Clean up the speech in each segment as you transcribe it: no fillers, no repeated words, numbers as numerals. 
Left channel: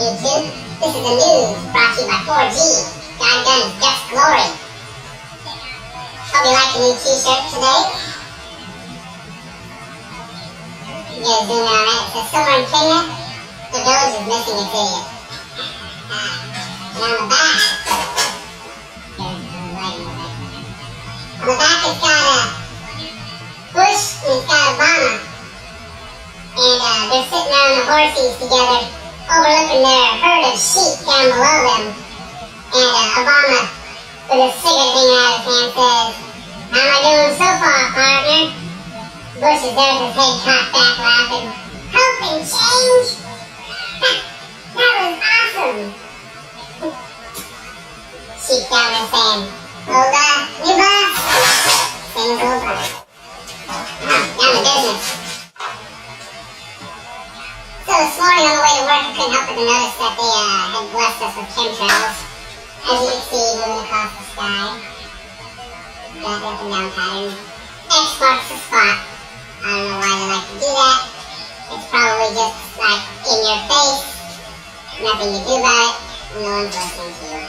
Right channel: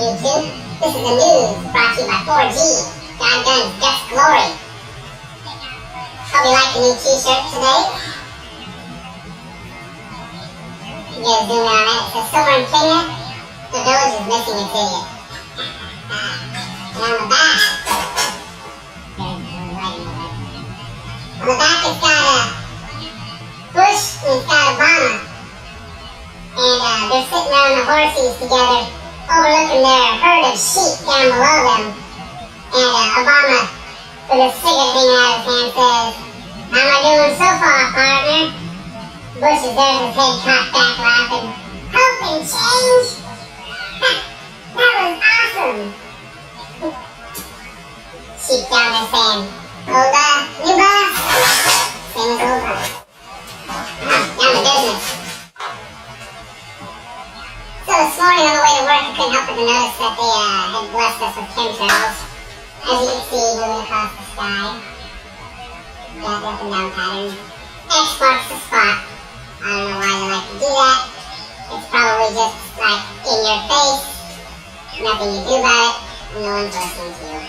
YouTube. This is the news brought to you by 4G. God Guns, Just Glory. Hope you like the new t-shirt today. You gotta zoom in on it. It says somewhere in Kenya, the village is missing its idiot. And on the back, on the back it's got Bush and it's got Obama. And they're sitting on the horses together, overlooking their herd of sheep down below them. And Obama, with his cigarette hanging out of his hand, says, "How am I doing so far, partner?" Bush is there with his head cocked back, laughing. "Hope and change? That was awesome!" Sheep down there saying, "Old new boss?" Same as old boss. Down to business. So this morning on the way to work, I couldn't help but to notice that they had blessed us with chemtrails. As you can see, moving across the sky. Got the up and down pattern. X marks the spot. I don't know why they like to do that. It's probably just like in your face. Nothing you do about it. No one's listening to you.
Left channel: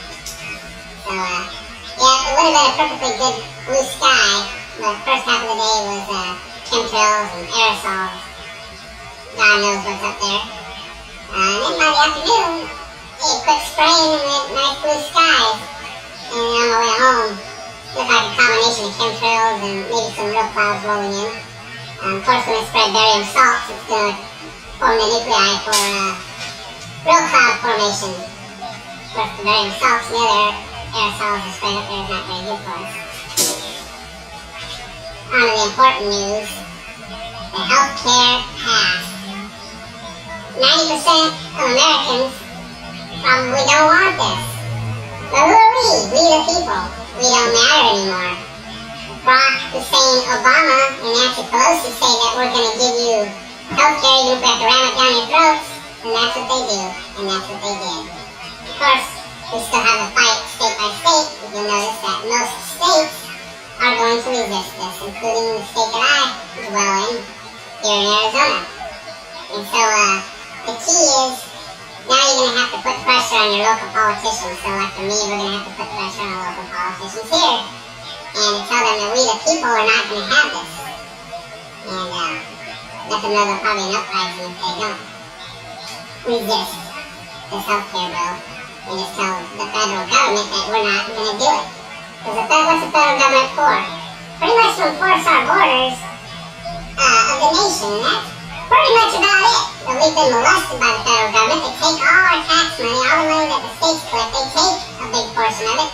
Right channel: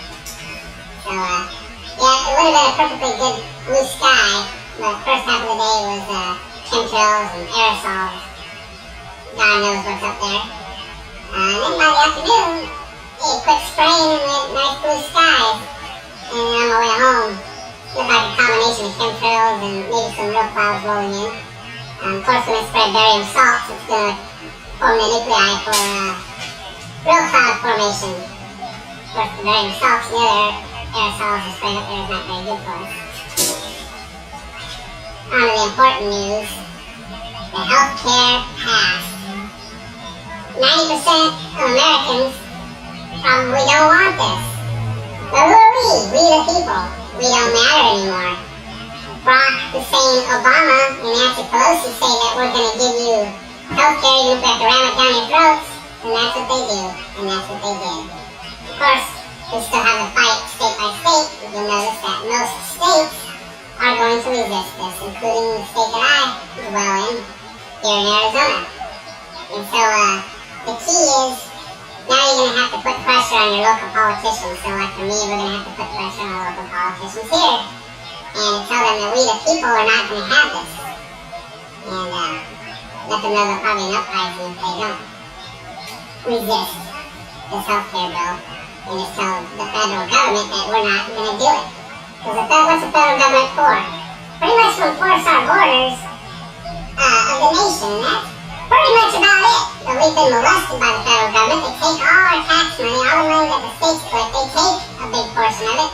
So, yeah, it would have been a perfectly good blue sky, but the first half of the day was chemtrails and aerosols. God knows what's up there. And then by the afternoon, a quick spraying and nice blue skies. And on my way home, looked like a combination of chemtrails and maybe some real clouds rolling in. Of course, when it spread barium salts, it's going to form the nuclei for real cloud formation. Of course, the barium salts and the other aerosols are spread up there is not very good for us. On to the important news. The healthcare pass. 90% of Americans probably don't want this. But who are we? We the people. We don't matter anymore. Barack Hussein Obama and Nancy Pelosi say that we're going to give you healthcare even if we have to ram it down your throats. And that's what they do. And that's what they did. Of course, we still have a fight state by state. You'll notice that most states are going to resist this, including the state that I dwell in, here in Arizona. And so, the key is, now you're going to have to put pressure on your local politicians. So like for me, we're going to have to put pressure on local politicians here. And tell them that we the people are not going to have this. And let them know there'll probably be an uprising if they don't resist this healthcare bill. And just tell the federal government that we're not going to do it. Because what's the federal government for? Pretty much to enforce our borders of the nation. And that's pretty much about it. But we've been molested by the federal government. They take all our tax money, all the money that the states collect. They take a big portion of it,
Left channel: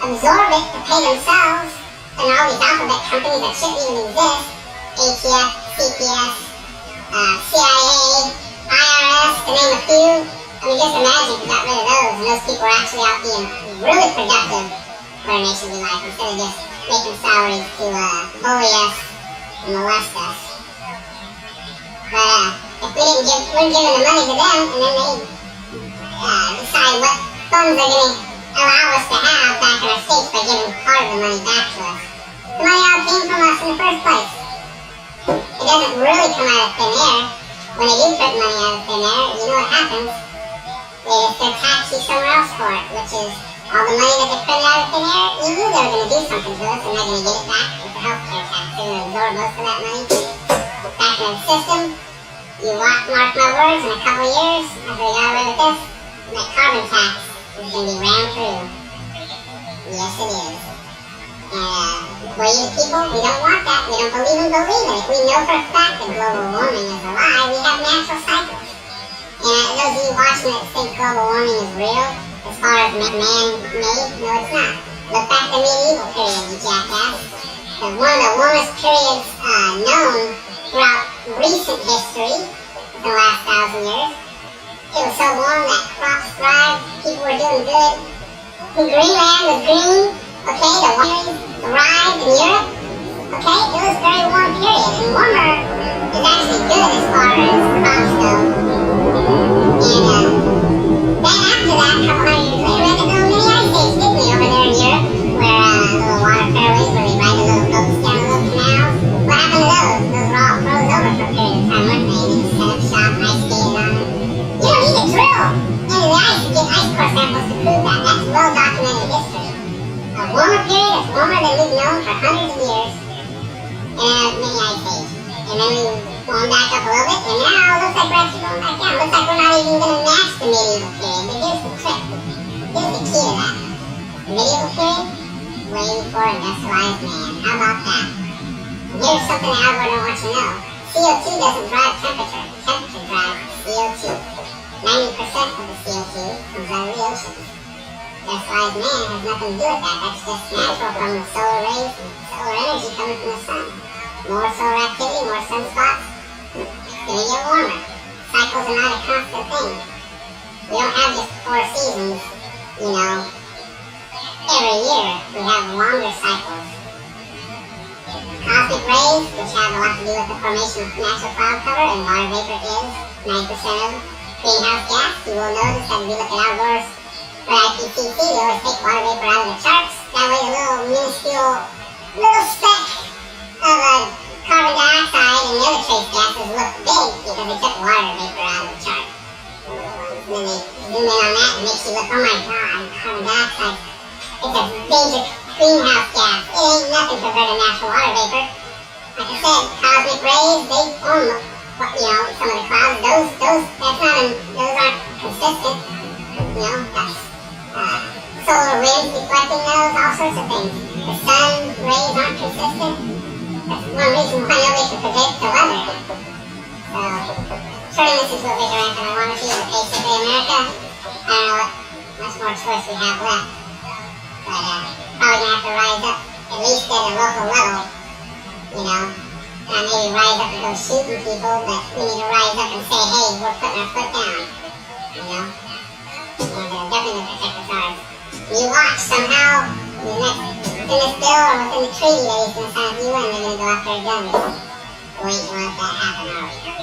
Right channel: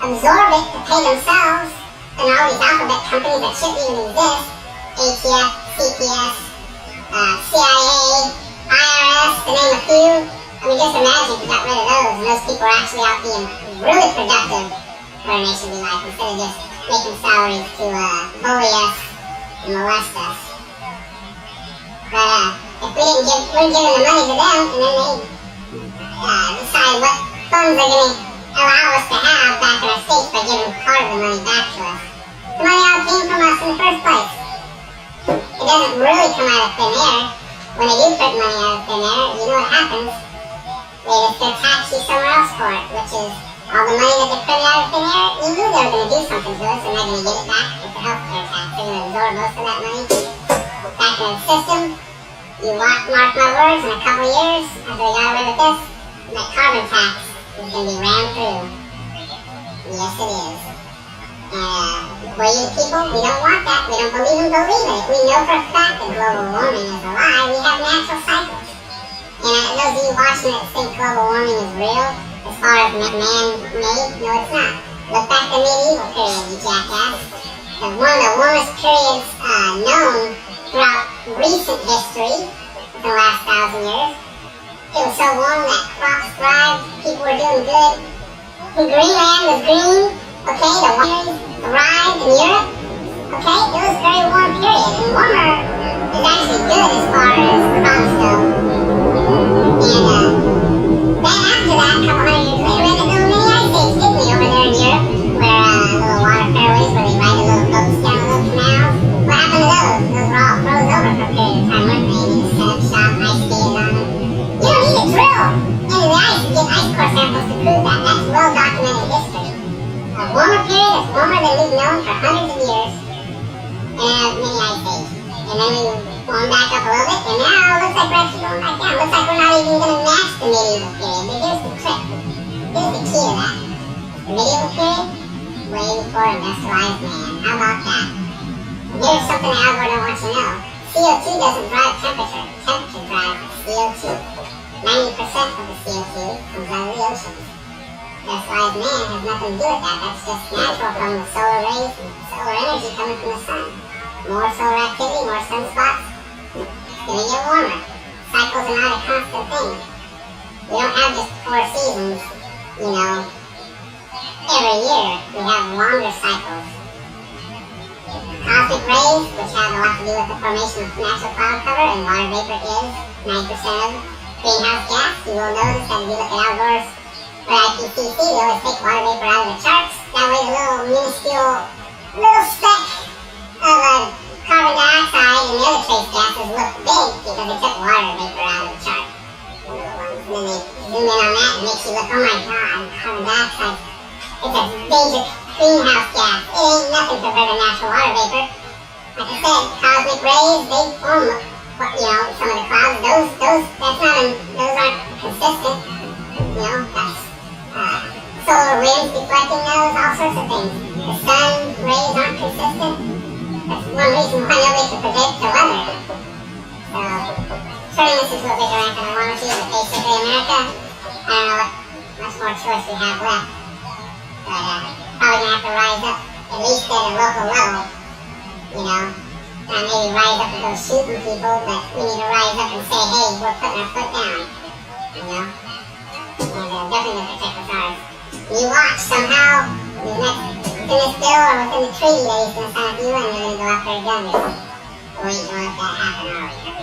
absorb it to pay themselves, and all these alphabet companies that shouldn't even exist. ATF, CPS, CIA, IRS, to name a few. I mean, just imagine if we got rid of those, and those people are actually out being really productive for a nation we like, instead of just making salaries to bully us and molest us. But if we weren't giving the money to them, and then they decide what funds they're going to allow us to have back in our states by giving part of the money back to us. The money all came from us in the first place. It doesn't really come out of thin air. When they do put money out of thin air, you know what happens? They just go tax you somewhere else for it, which is all the money that they put out of thin air. You knew they were going to do something to us, and they're going to get it back with the healthcare tax. They're going to absorb most of that money back in the system. You mark my words, in a couple of years, after we got away with this, that carbon tax is going to be rammed through. Yes, it is. And we the people, we don't want that. We don't believe it. If we know for a fact that global warming is a lie, we have natural cycles. And those of you watching that think global warming is real, as far as man-made, no it's not. Look back to the medieval period, you jackass. Because one of the warmest periods known throughout recent history, the last 1,000 years, it was so warm that crops thrived, people were doing good. Greenland was green, okay, the wineries thrived in Europe, okay, it was a very warm period, and warmer is actually good as far as crops go. And then after that, a couple hundred years later, we had the little mini ice age, didn't we, over there in Europe, where little water fairways, where they ride the little boats down the little canals. What happened to those? Those were all froze over for a period of time, weren't they? You just set up shop, ice skated on them. You don't need to drill into the ice to get ice core samples to prove that. That's well documented history. A warmer period is warmer than we've known for hundreds of years in a mini ice age. And then we warm back up a little bit, and now it looks like we're actually going back down. Looks like we're not even going to match the medieval period. But here's the trick. Here's the key to that. The medieval period, way before industrialized man. How about that? And here's something that Al Gore don't want you to know. CO2 doesn't drive temperature. Temperature drives CO2. 90% of the CO2 comes out of the oceans. Industrialized man has nothing to do with that. That's just natural from the solar rays and solar energy coming from the sun. More solar activity, more sunspots, it's going to get warmer. Cycles are not a constant thing. We don't have just 4 seasons, every year. We have longer cycles. Cosmic rays, which have a lot to do with the formation of natural cloud cover, and water vapor is 9% of greenhouse gas. You will notice that if you look at outdoors for IPCC, we always take water vapor out of the charts. That way the little minuscule little speck of carbon dioxide and the other trace gases look big because they took water vapor out of the chart. And then they zoom in on that and makes you look, oh my god, carbon dioxide, it's a major greenhouse gas. It ain't nothing compared to natural water vapor. Like I said, cosmic rays, they form, some of the clouds. Those aren't consistent. That's solar winds deflecting those, all sorts of things. The sun rays aren't consistent. That's one reason why nobody can predict the weather. So, turning this into a bigger rant than I want to, but basically America, I don't know what much more choice we have left. But probably going to have to rise up, at least at a local level, and maybe rise up and go shooting people, but we need to rise up and say, hey, we're putting our foot down, and definitely protect us ours. You watch somehow, in this bill or within the treaty that he's going to sign with you, and they're going to go after a gun. We ain't going to let that happen, are we?